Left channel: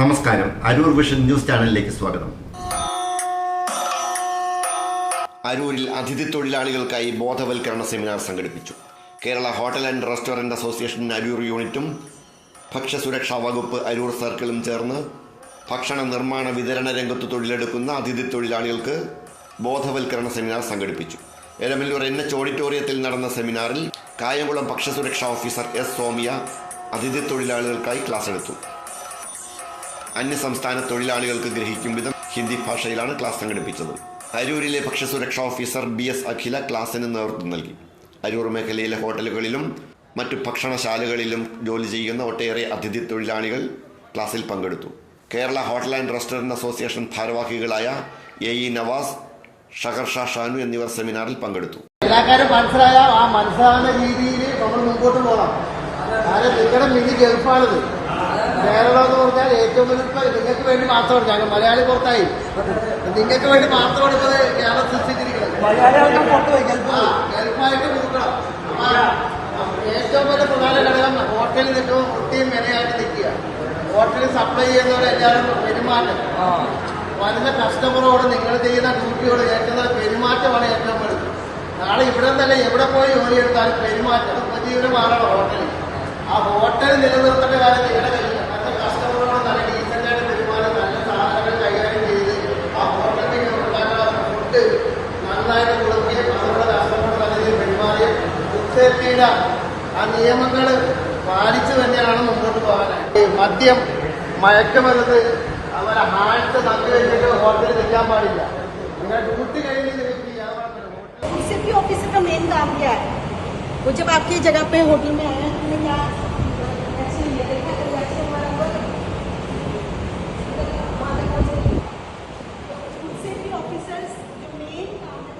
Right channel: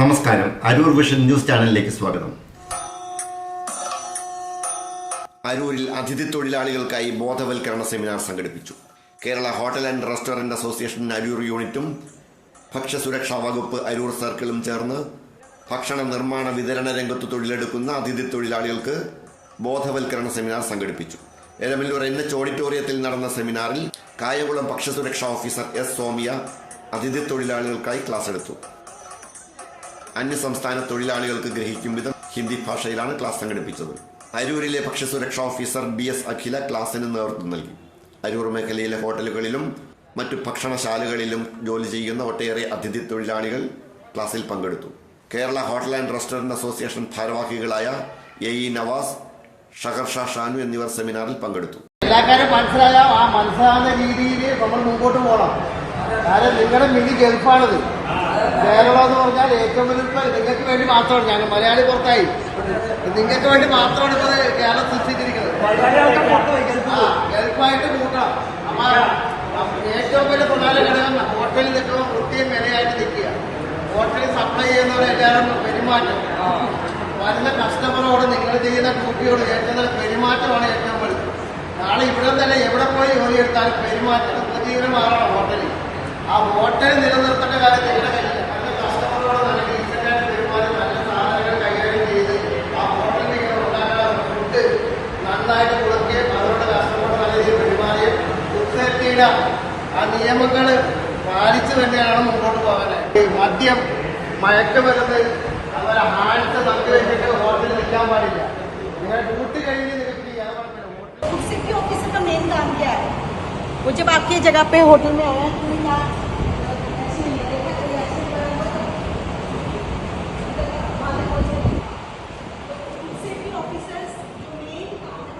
നമസ്കാരം. Aroor vision news ചാനലിലേക്ക് സ്വാഗതം. അരൂരിൽ അതിഥി തൊഴിലാളികൾക്കായി ബോധവൽക്കരണ സെമിനാർ സംഘടിപ്പിച്ചു. Kerala hotel and restaurant association Aroor യൂണിറ്റും ഭക്ഷ്യസുരക്ഷാ വകുപ്പ് അരൂർ സർക്കിളും ചേർന്ന് ഭക്ഷണ നിർമ്മാണ വിതരണ രംഗത്ത് തൊഴിലെടുക്കുന്ന അതിഥി തൊഴിലാളികൾക്ക് ബോധവൽക്കരണ സെമിനാർ സംഘടിപ്പിച്ചു. എരമല്ലൂർ NH ഓഡിറ്റോറിയത്തിൽ നടന്ന സെമിനാറിൽ കായംകുളം ഭക്ഷ്യസുരക്ഷാ ഓഫീസർ S. സോമിയ അതിഥി തൊഴിലാളികൾക്കായി ക്ലാസ് എടുത്തു. അന്യസംസ്ഥാന തൊഴിലാളികൾക്ക് ഗ്രഹിക്കും വിധം ഹിന്ദി ഭാഷയിലാണ് ക്ലാസ് സംഘടിപ്പിച്ചത്. അരൂരിലെ ഭക്ഷ്യസുരക്ഷാ ഓഫീസർ BS. അഖില ക്ലാസിന് നേതൃത്വം നൽകി. അരൂർ മേഖലയിലെ ഹോട്ടലുകളിലും മറ്റു ഭക്ഷണശാലകളിലും ജോലി ചെയ്യുന്ന ഒട്ടേറെ അതിഥി തൊഴിലാളികൾ ക്ലാസ്സിൽ പങ്കെടുത്തു. Kerala hotel and restaurant association ഭാരവാഹികളായ AE നവാസ്, ഷഹർഷാ ഷാനു എന്നിവർ സെമിനാറിൽ പങ്കെടുത്തു. എല്ലാ കാര്യം മനസ്സിലായാൽ ആ മനസ്സിലാകുന്ന രീതിയിൽ നമ്മൾ മുമ്പോട്ട് പോകണം. നിങ്ങളുടെ മിനി ചെറുപ്പാണിത്. കേരളമെന്ന് പറഞ്ഞാൽ ഏറ്റവും വലിയ നിങ്ങൾക്ക് വേണ്ടി മാത്രമാണ്. ഞങ്ങൾ മലയാളി പുറത്തായി നിങ്ങൾക്ക് വേണ്ടി മാത്രമാണ് ഇത് കേരളം സൃഷ്ടിച്ചിരിക്കുന്നത്. ചെറുപ്പായിട്ട് കൂട്ടണം. ഏറ്റവും വലിയ പ്രധാന ഘടകം ഹോട്ടലിൽ നിൽക്കും കുട്ടിയും മെനയായിട്ട് നിൽക്കുക. ഹോട്ടലിൽ സപ്ലൈ ചെയ്യുന്നവരെല്ലാവരും പെരുമാറ്റം, വരുന്ന കസ്റ്റമറോട് നിങ്ങൾ ചെയ്യുന്ന ഡ്യൂട്ടിയോട് ഏൽക്കുന്ന പെരുമാറ്റമാണ് ഏറ്റവും വലുത്. നാളെ ഇവിടെ നിന്നല്ല എവിടെ പോയി ജോലി എടുത്താലും പെരുമാറ്റം ജീവനം മാറണം. ഹോട്ടലിൽ ആ ഹോട്ടൽ നിലനിർത്തേണ്ട കാര്യത്തിൽ ഇവിടെ കഴിയില്ല. നല്ല കസ്റ്റമറോട് നല്ല ഡീസന്റായ പെരുമാറ്റം, നല്ല സാധനങ്ങൾ കൈകാര്യം ചെയ്ത് ആ ഹോട്ടലിൽ ഉണ്ടാകാൻ ഫുഡ് നന്നായിട്ട് കൊടുക്കുകയും അവരുടെ കസ്റ്റമറോട് നല്ല രീതിയിൽ പെരുമാറുകയും ഫുഡ് സേഫ്റ്റിയുടെ ആ നിയമങ്ങൾ പാലിച്ചു തന്നെയാണ് മുമ്പോട്ട് പോകാനായിട്ട്. മദ്യം, മയക്കുമരുന്ന്, അതുപോലെ ഹാൻഡ് നക്കി വെച്ചിട്ട് ഹോട്ടലിൽ നിൽക്കാൻ പാടില്ല. നിങ്ങൾ ഡ്യൂട്ടി കഴിഞ്ഞ് നിങ്ങൾക്ക് യാതൊരു सेफ्टी ऑफिसर का मेन काम क्या है? वो जब आपकी जगह पे होटल में आया तो क्या ऐसे ही देखा तो ऐसे बराबर सेफ्टी ऑफिसर्स जो मेन काम है